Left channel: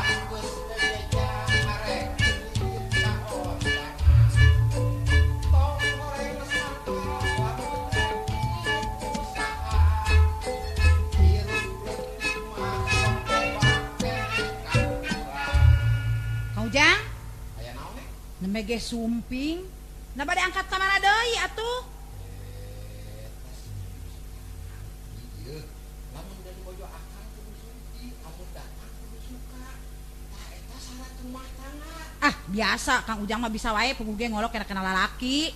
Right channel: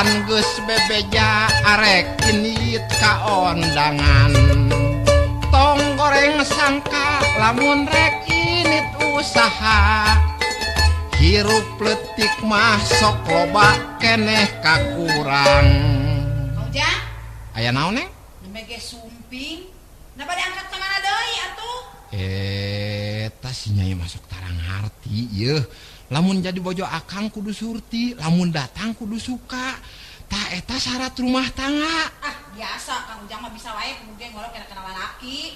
Pan geus bebeja arek genit ka ondangan tong goreng sangka lamun rek init usaha hirup letik mah sok loba keneh kakurang. Kang Ujang Aya naon neng? nembe sumping na bade angkat ka mana deui atuh? Tas si Nyai masuk tarang harti yeuh. Lamun jadi bojo akang kudu surti, lamun datang kudu suka. Tak eta syarat rumah tangga. Ah biasa Kang Ujang mah bisa wae pemuda ngolok kena kenal lalaki.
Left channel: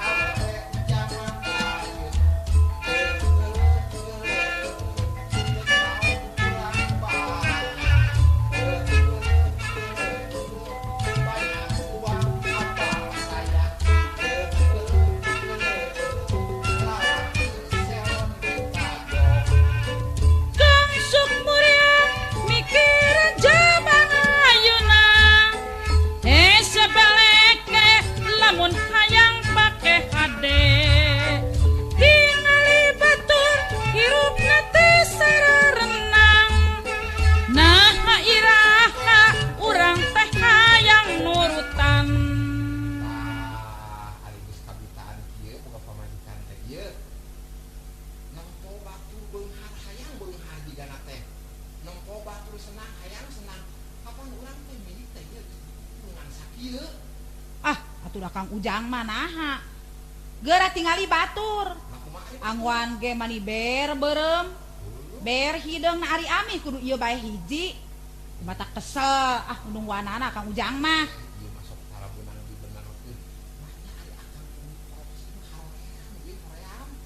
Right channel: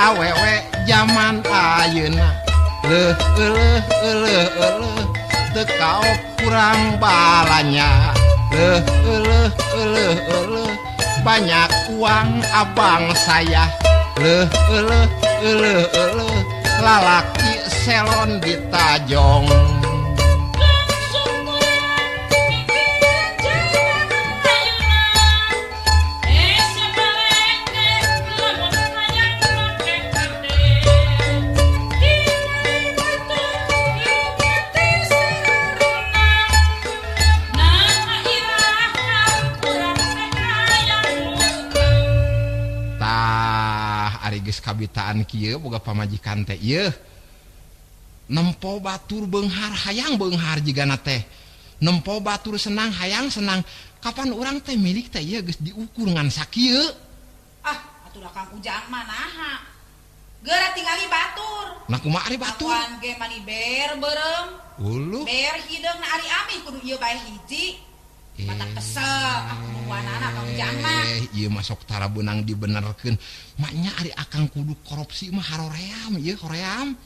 Awewe zaman ayeuna teu kaop kurang balanya banyak uang abang saya lalaki selon di Tajong. Kabitaan kieu boga pamajikan teh ieu nempo batur beunghar hayang beunghar jigana teh nempo batur senang hayang senang kapan urang teh milik teh ieu geus diukur ngan sakieu. Ah atuh da Kang Ujang mah naha geura tingali batur Nah kumaha ari batur angguan ge mani ber beureum ulu ber hideungna ari ami kudu ieu bae hiji batak kesel nungguanana Kang Ujang mah ieu mah sok tara beunang dibenerkeun maknya ari akang kudu korupsi mah haroream ieu hoream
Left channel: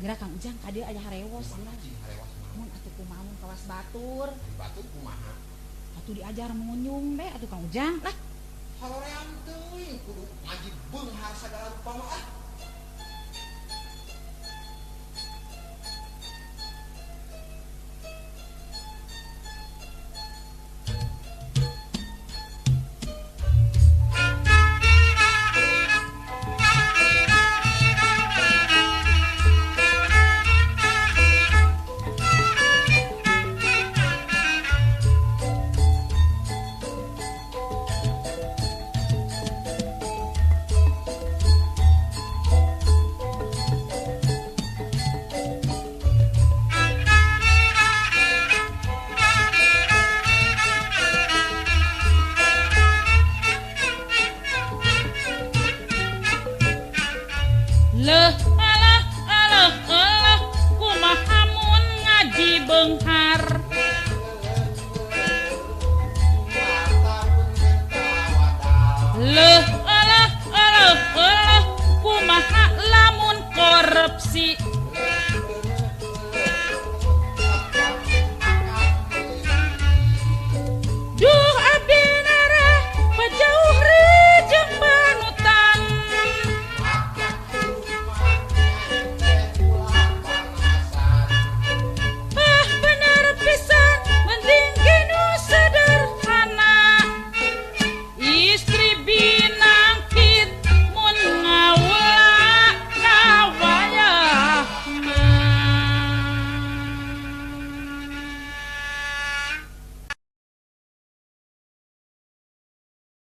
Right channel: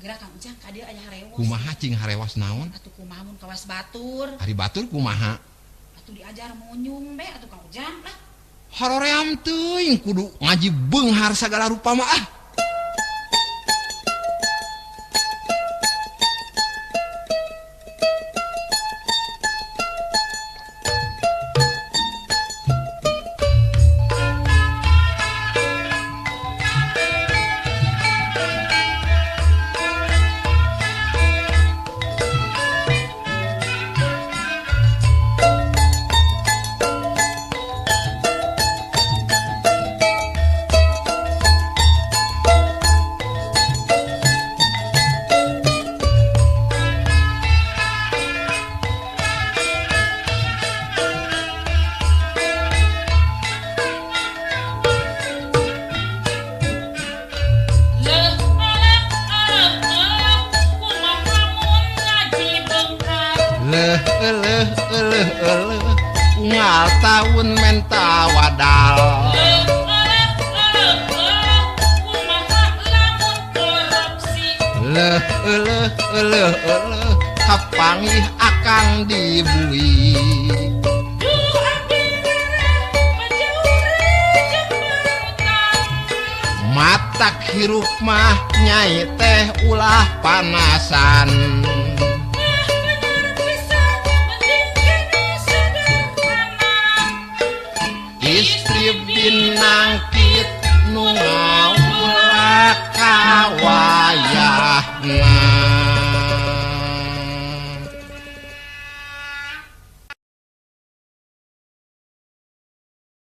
geura Kang Ujang ka dieu aya harewas kumaha cing harewas naon atuh kumaha mun kawas batur ari batur kumaha atuh diajar munyum be atuh Kang Ujang lah haroream teuing kudu ngaji beunghar sagala rupa mah ah. Ngaltaun menta wadal kumaha lamun korupsi kapangih akang dibui duh abdi nare pajauri jeung banutan matak hirup mah nyai teh ulah panasan